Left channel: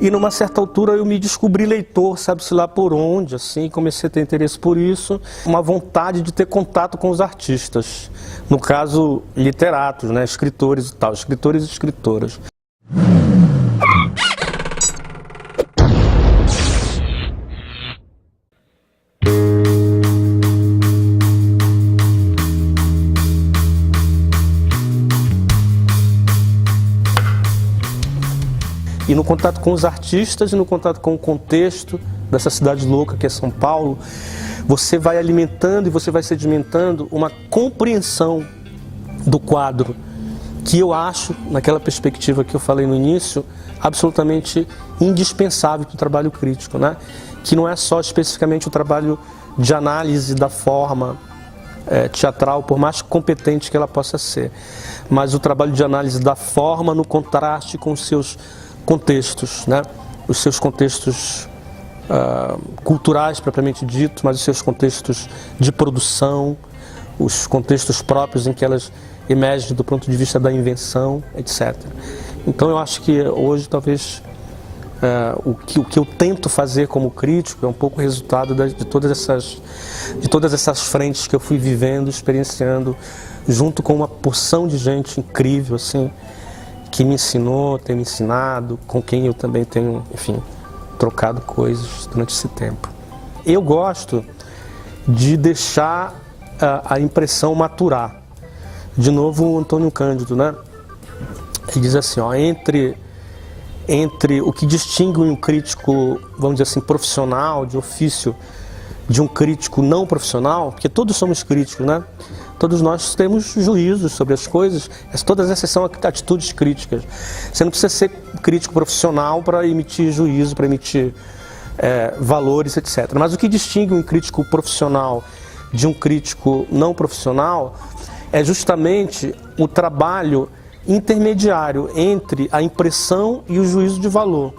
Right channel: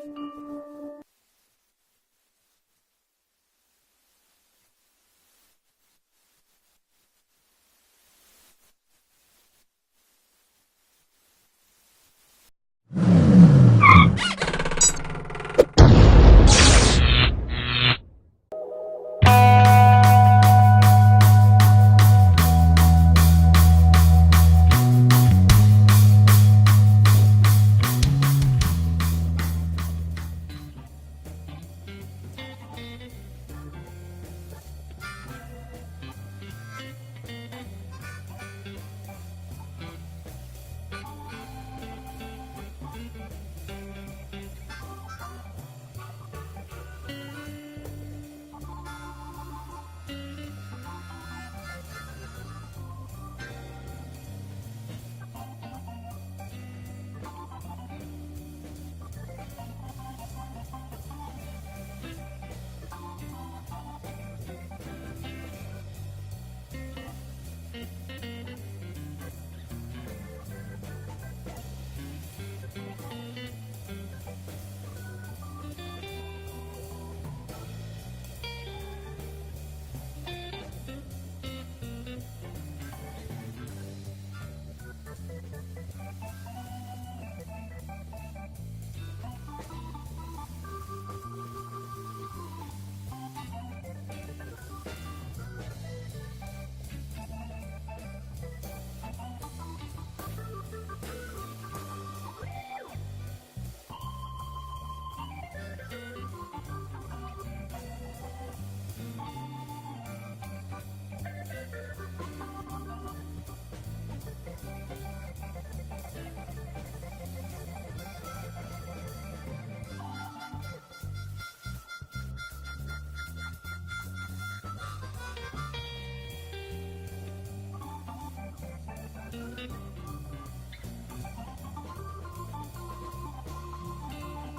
E numa certa altura eu me descobri leitor, sabe-se lá por onde, assim, comecei a ter interesse por isso, uma vontade de ter contato com os artistas, no caso literatos, né, escritores e tal, escritores e escritoras. E no contato com os artistas e no contato com o contexto dessa cidade louca que é São Paulo, você vai alimentando e você vai sedimentando uma compreensão do quadro que eu acho, naquela perspectiva que eu falei no início, absolutamente indispensável para o trabalho crítico, né? Que não é só especificamente o trabalho de análise da forma teatral, por mais competente que ela possa ser, mas o trabalho de análise da forma no contraste com os seus contextos, né? Os seus contextos culturais propriamente dito, mas os seus contextos de produção, os contextos próprios em que elas emergem do ponto de vista da invenção, etc. Então eu acho que hoje talvez o que eu tento fazer como crítico é um pouco resultado de todas essas frentes que eu fui vivendo, experienciando, junto com uma porção de gente incrível, assim, que me ensinou, tem me ensinado, com quem eu também tenho, enfim, trocado coisas durante esse tempo. Eu gosto de deixar a impressão maturar. De novo, o Antônio Cândido, né? Ele diz assim, ó, entre o que distingue um crítico, vamos dizer assim, profissional, de ofício, de um crítico não profissional, porque todos somos críticos, né? Todos nós temos juízos sobre as coisas, todas essas são atitudes críticas. Você não precisa ser crítico profissional para emitir juízo, para emitir valores, etc. Mas o que distingue um crítico profissional de um crítico não profissional é justamente o trabalho intermediário entre a impressão e o juízo de valor.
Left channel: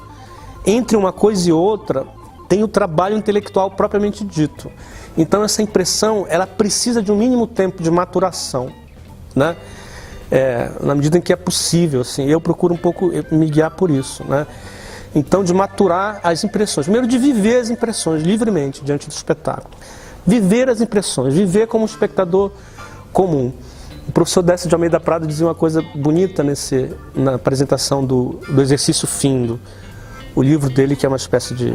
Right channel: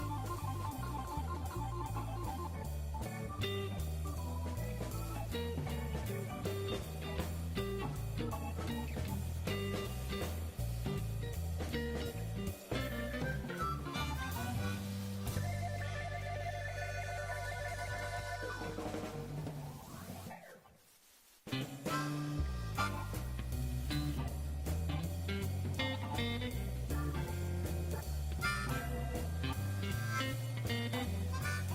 Entre uma coisa e outra tem o trabalho intelectual propriamente dito. Então essa impressão, ela precisa de um mínimo tempo de maturação, né? Na medida em que é possível, assim, eu procuro um pouco me guiar por isso, né? Então de maturar as impressões, primeiro de viver as impressões livremente diante do espetáculo. Viver as impressões, viver como um espectador comum. O professor Décio de Almeida Prado dizia uma coisa bonita na apresentação do Exercício Findo, o livro dele que é uma espécie de,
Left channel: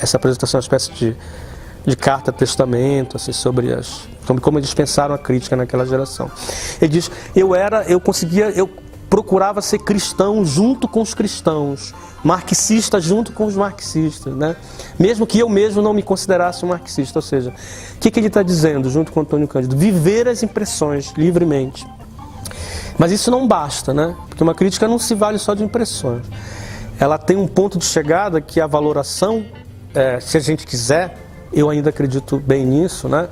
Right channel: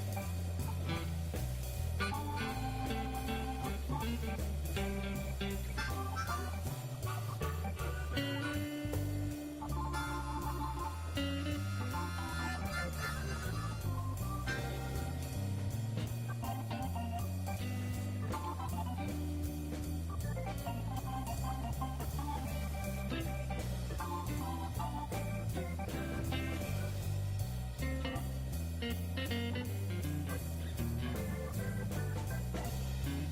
essa apresentação é uma espécie de carta-testamento, assim, sobre como eles pensaram a crítica naquela geração. Ele diz, eu procurava ser cristão junto com os cristãos, marxista junto com os marxistas, né? Mesmo que eu mesmo não me considerasse um marxista, ou seja, o que ele está dizendo, junto com Antônio Cândido? Viver as impressões livremente. Mas isso não basta, né? Porque uma crítica não se vale só de impressões. Ela tem um ponto de chegada que é a valoração, se a gente quiser, eu ainda acredito bem nisso, né?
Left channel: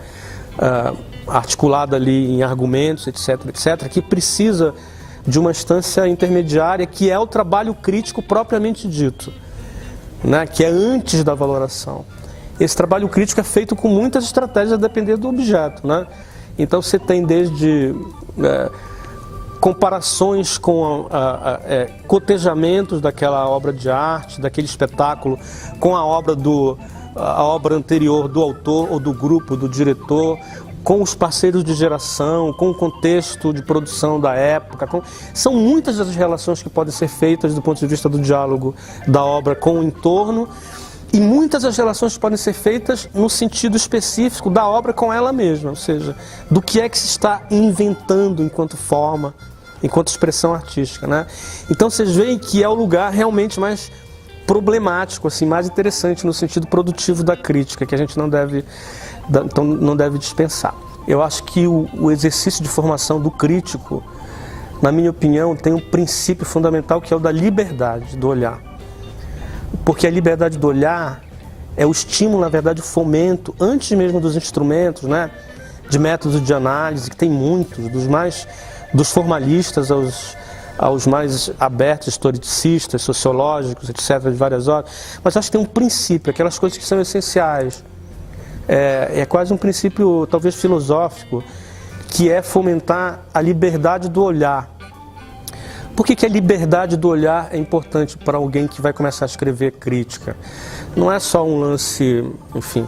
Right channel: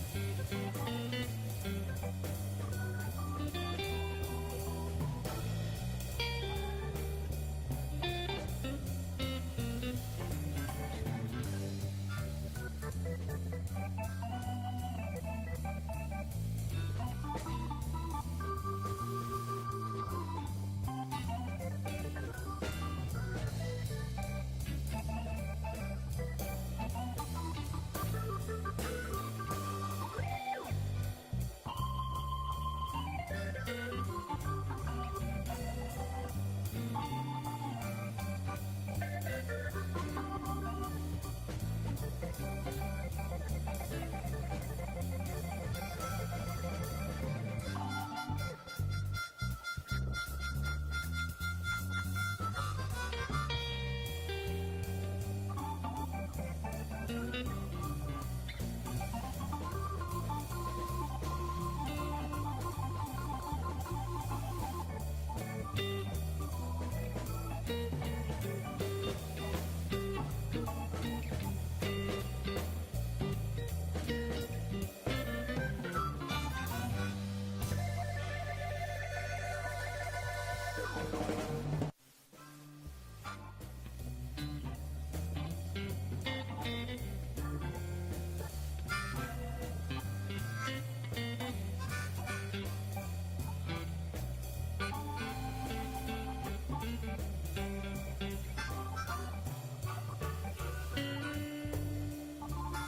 Articulada ali em argumentos, etc, etc, que precisa de uma instância intermediária que é o trabalho crítico propriamente dito, né? Que é antes da valoração. Esse trabalho crítico é feito com muitas estratégias a depender do objeto, né? Então você tem desde comparações com cotejamentos daquela obra de arte, daquele espetáculo, com a obra anterior do autor ou do grupo, do diretor, com os parceiros de geração, com o contexto de produção da época. São muitas as relações que podem ser feitas do ponto de vista do diálogo da obra com o entorno e muitas as relações podem ser feitas no sentido específico da obra com ela mesma, ou seja, do que é que se está inventando enquanto forma, enquanto expressão artística, né? Então vocês veem que é o lugar realmente mais problemático, assim, mais interessante no sentido produtivo da crítica, que a gente não deve dispensar. Eu acho que o exercício de formação do crítico, na minha opinião, tem um princípio fundamental que é o da liberdade do olhar. Porque a liberdade do olhar é o estímulo, na verdade, o fomento, antes mesmo dos instrumentos, né, de métodos de análise, que tem muitos, dos formalistas aos mais abertos, historicistas, sociológicos, etc., de várias ordens. Mas acho que tem um princípio, aquelas coisas que são essenciais. É quase um princípio, talvez filosófico, que é fomentar a liberdade do olhar. Por que a liberdade do olhar é importante para alguém que vai começar a escrever crítica? Não é só um lance, enfim,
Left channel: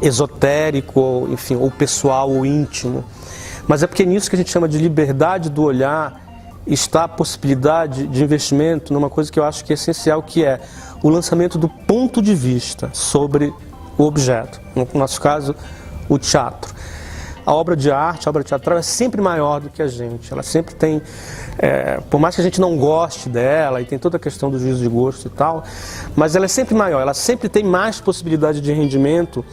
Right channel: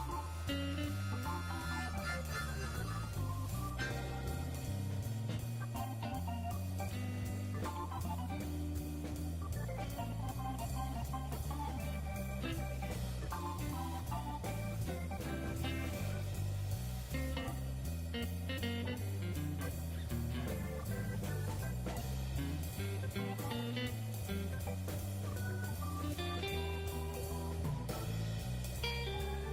esotérico, ou pessoal ou íntimo, mas é porque nisso que a gente chama de liberdade do olhar está a possibilidade de investimento numa coisa que eu acho que é essencial, que é o lançamento do ponto de vista sobre o objeto, no nosso caso, o teatro. A obra de arte, a obra teatral é sempre maior do que a gente, ela sempre tem, por mais que a gente não goste dela, e tem toda a questão do juízo de gosto e tal, mas ela é sempre maior, ela sempre tem mais possibilidade de rendimento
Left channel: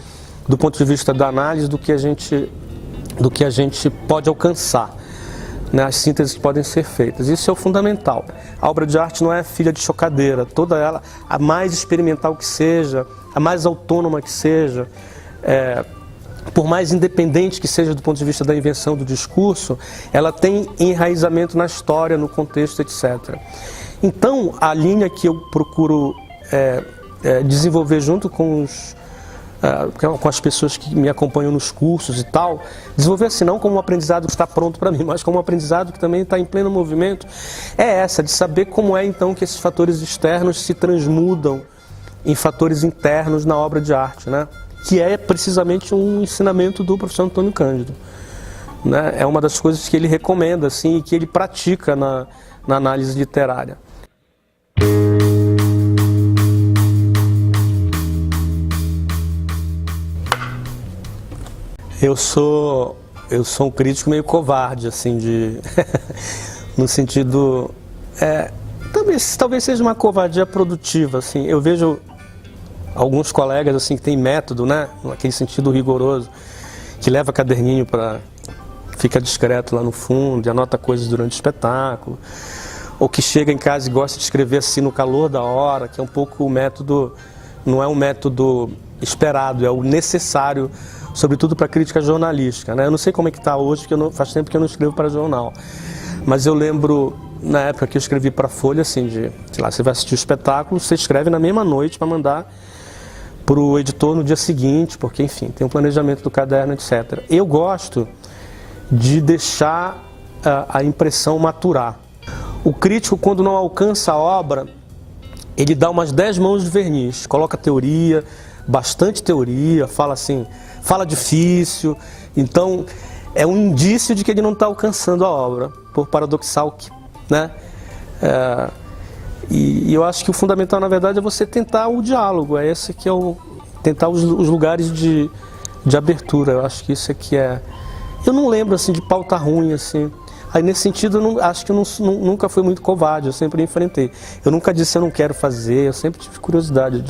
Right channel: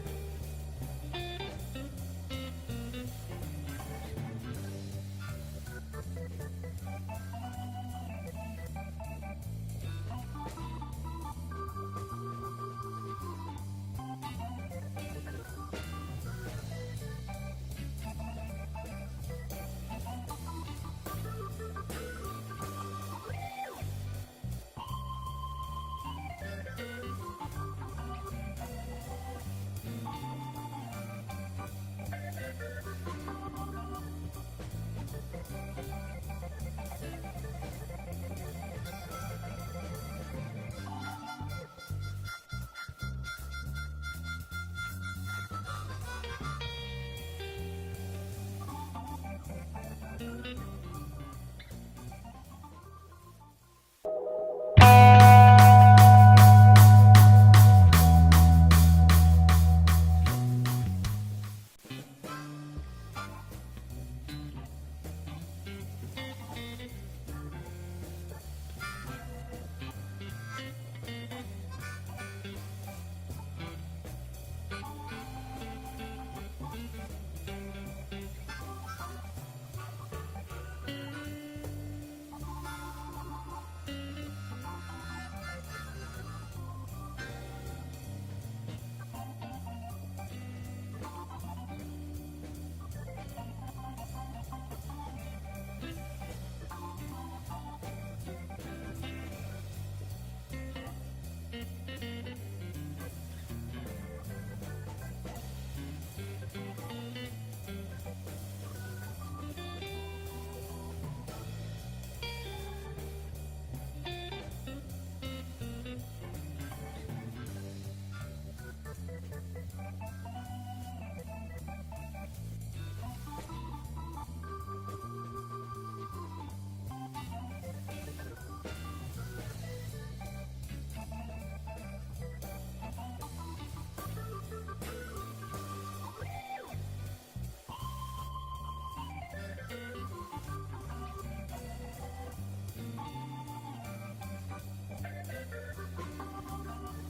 do ponto de vista da análise do que a gente pode alcançar, né? As sínteses que podem ser feitas. Isso é o fundamental. A obra de arte não é filha de chocadeira, toda ela, a mais experimental que seja, a mais autônoma que seja, por mais independente que seja do ponto de vista da invenção do discurso, ela tem enraizamento na história, no contexto, etc. Então, a linha que eu procuro desenvolver junto com as pessoas que me acompanham nos cursos e tal, desenvolver assim, não como um aprendizado que está pronto para mim, mas como um aprendizado que também está em pleno movimento, é essa, de saber como é então que esses fatores externos se transmudam em fatores internos na obra de arte, né? Que é precisamente um ensinamento do professor Antônio Cândido, né? É uma das coisas que ele recomenda assim, e que ele pratica na análise literária. Eu sou um crítico meio covarde, assim, no sentido, talvez seja uma covardia produtiva, assim. Eu vejo alguns colegas assim que têm método, né, naquele sentido rigoroso, que leva caderninho fica discreto lá no fundo e anota coisas durante o espetáculo, ou que chega em casa e gosta de escrever assim no calor da hora, que é um pouco o método, não é um método esperado, é o necessário, sobretudo para a crítica jornalística, né? Eu não sei como é que está hoje, porque faz tempo que eu não escrevo para jornal. Mas eu lembro, na época que eu escrevi para a Folha, assim, sei lá, você vai assistir o espetáculo, você escreve na mesma noite para mandar para o editor no dia seguinte, porque, enfim, tem um planejamento do caderno, etc. Eu gosto de deixar a impressão maturar. O crítico, quando não alcança a obra, ele dá umas 10 mãos de verniz, coloca teoria, bastante teoria, fala assim, fala difícil, então é um indício de que ele não está alcançando a obra, por paradoxal que, né? E eu acho que o fundamental, na verdade, é você tentar o diálogo, é esse que é tentar os lugares de abertura. Eu acho que isso aqui eu não lembro assim de pauta ruim assim. Aí nesse sentido acho que eu nunca fui muito covarde, eu sempre enfrentei. Eu nunca disse eu não quero fazer, eu sempre tive curiosidade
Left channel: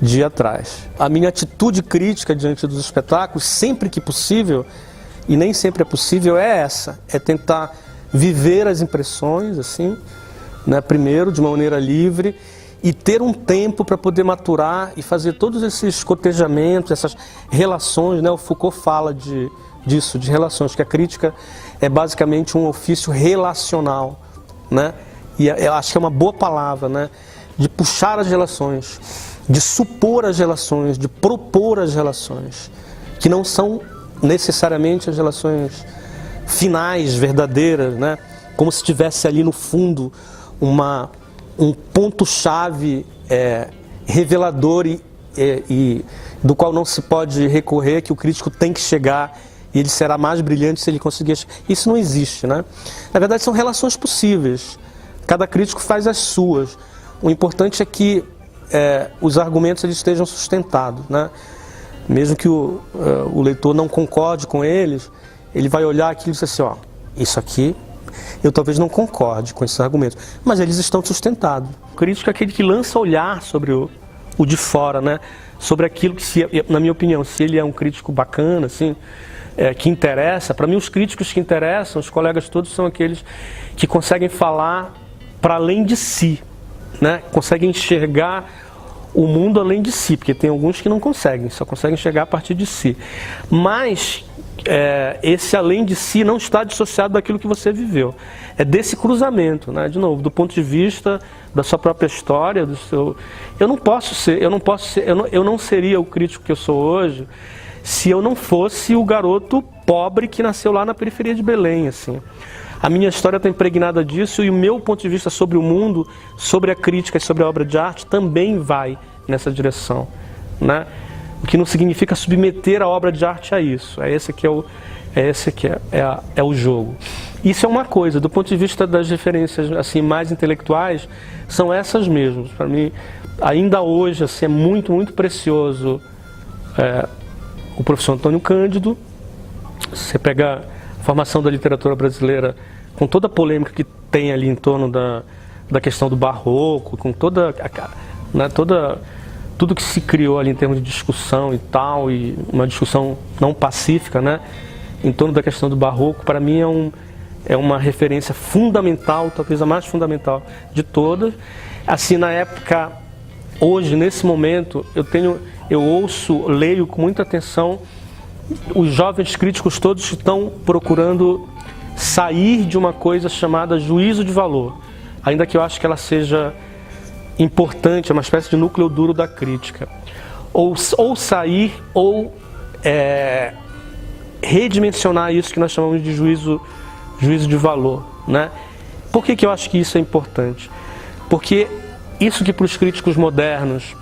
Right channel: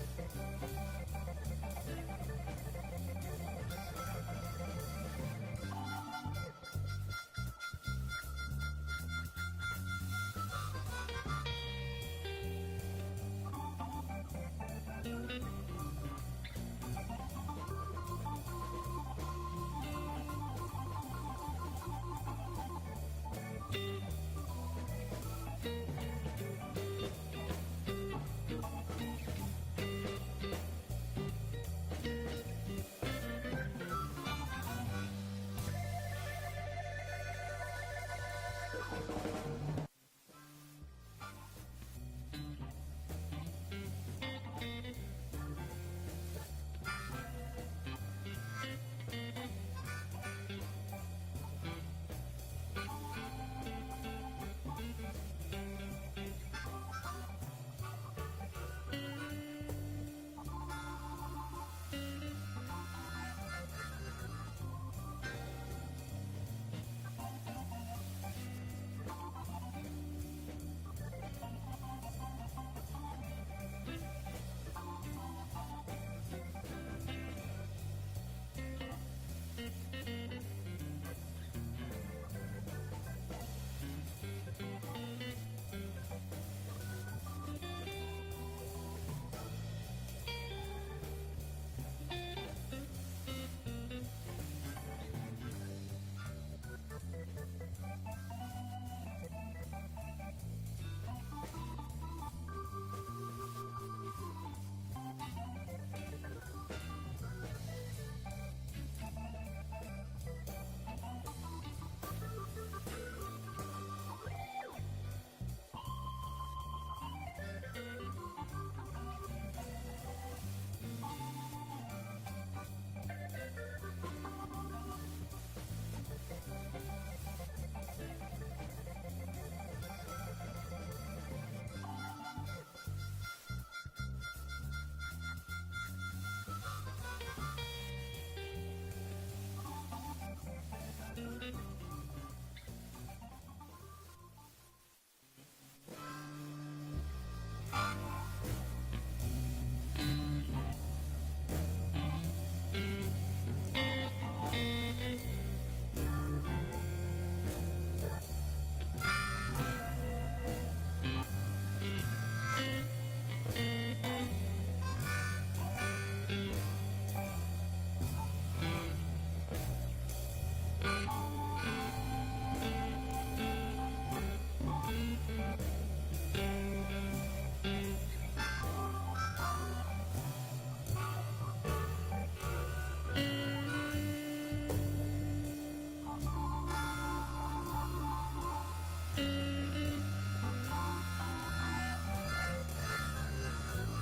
de ir atrás. A minha atitude crítica diante dos espetáculos, sempre que possível, e nem sempre é possível, é essa, é tentar viver as impressões, assim, né, primeiro, de uma maneira livre, e ter um tempo para poder maturar e fazer todos esses cotejamentos, essas relações, né? O Foucault fala disso, de relações, que a crítica é basicamente um ofício relacional, né? E eu acho que é uma boa palavra, né? De puxar as relações, de supor as relações, de propor as relações, que não são necessariamente as relações finais, verdadeiras, né? Como se tivesse ali no fundo um ponto-chave revelador e do qual não se pode recorrer, que o crítico tem que chegar e ele será mais brilhante se ele conseguir. Isso não existe, né? Na verdade, são relações possíveis. Cada crítico faz as suas. O importante é que os argumentos eles estejam sustentados, né? Mesmo que o leitor não concorde com eles, ele vai olhar aquilo e dizer assim, ó, isso aqui eu talvez não concorde com esses argumentos, mas eles estão sustentados. O crítico é aquele que lança olhar sobre o de fora, né? Sobre aquilo que, na minha opinião, se ele é um crítico bacana, assim, que interessa. Para mim, os críticos que interessam, os colegas todos, são aqueles que conseguem falar para além de si, né? Conseguem enxergar o mundo além de si, porque tem alguns que não conseguem, só conseguem enxergar a partir de si. Mas esse além de si não está dissociado daquilo que você viveu. É desse cruzamento, né? De novo, do ponto de vista da sua própria história, eu não seria o crítico que eu sou hoje se eu não fosse o garoto pobre que nasceu lá na periferia de Belém, assim. a minha história está impregnada disso e o meu ponto de vista sobre o mundo, sobre a crítica e sobre a obra de arte também vai nessa direção, né? O que não significa submeter a obra de arte a isso. Esse que é o jogo. Isso é uma coisa. Do ponto de vista das referências assim mais intelectuais, são essas mesmas. Para mim, ainda hoje assim, é muito, muito precioso o professor Antônio Cândido. Você pega a formação da literatura brasileira com toda a polêmica que tem ali em torno da questão do barroco, com toda, né, tudo que se criou ali em termos de discussão e tal, e uma discussão não pacífica, né, em torno da questão do barroco, para mim é uma referência fundamental, talvez a mais fundamental de todas. Assim, na época, hoje, nesse momento, eu ouço, leio com muita atenção os jovens críticos todos que estão procurando sair de uma coisa chamada juízo de valor, ainda que eu acho que ela seja importante, é uma espécie de núcleo duro da crítica. Ou sair, ou redimensionar isso que nós chamamos de juízo de valor, né? Por que eu acho que isso é importante? Porque isso que para os críticos modernos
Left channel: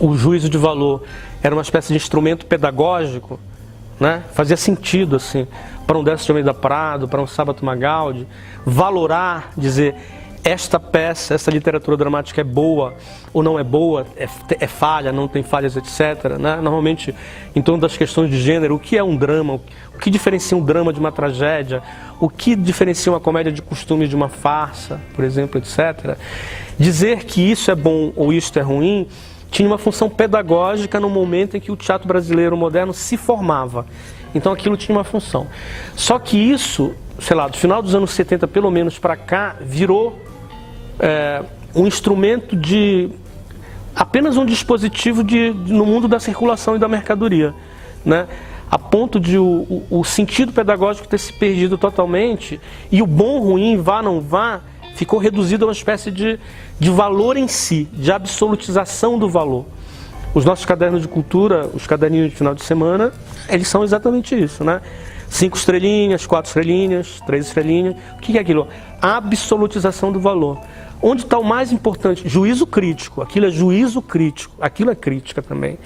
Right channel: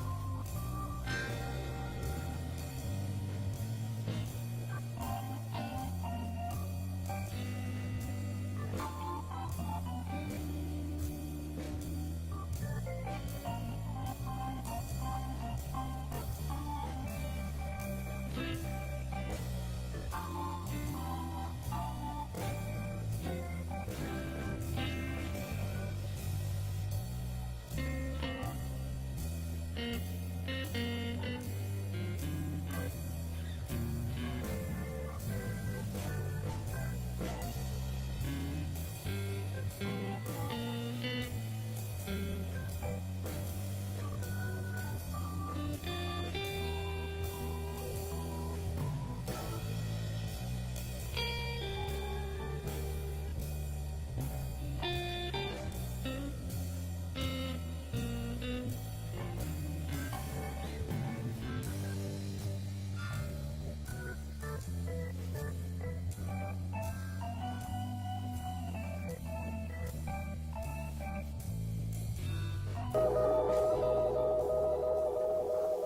o juízo de valor era uma espécie de instrumento pedagógico, né? Fazia sentido assim, para um Décio de Almeida Prado, para um Sábato Magaldi, valorar, dizer, esta peça, essa literatura dramática é boa ou não é boa, é falha, não tem falhas, etc., né? Normalmente, em torno das questões de gênero, o que é um drama, o que diferencia um drama de uma tragédia, o que diferencia uma comédia de costume de uma farsa, por exemplo, etc. Dizer que isso é bom ou isso é ruim tinha uma função pedagógica no momento em que o teatro brasileiro moderno se formava. Então aquilo tinha uma função. Só que isso, sei lá, do final dos anos 70 pelo menos para cá, virou um instrumento apenas um dispositivo no mundo da circulação e da mercadoria, né? A ponto de o sentido pedagógico ter se perdido totalmente e o bom, ruim, vá, não vá, ficou reduzido a uma espécie de valor em si, de absolutização do valor. Os nossos cadernos de cultura, os caderninhos de final de semana, eles são exatamente isso, né? 5 estrelinhas, 4 estrelinhas, 3 estrelinhas. O que é aquilo? A absolutização do valor. Onde está o mais importante? Juízo crítico. Aquilo é juízo crítico. Aquilo é crítica também.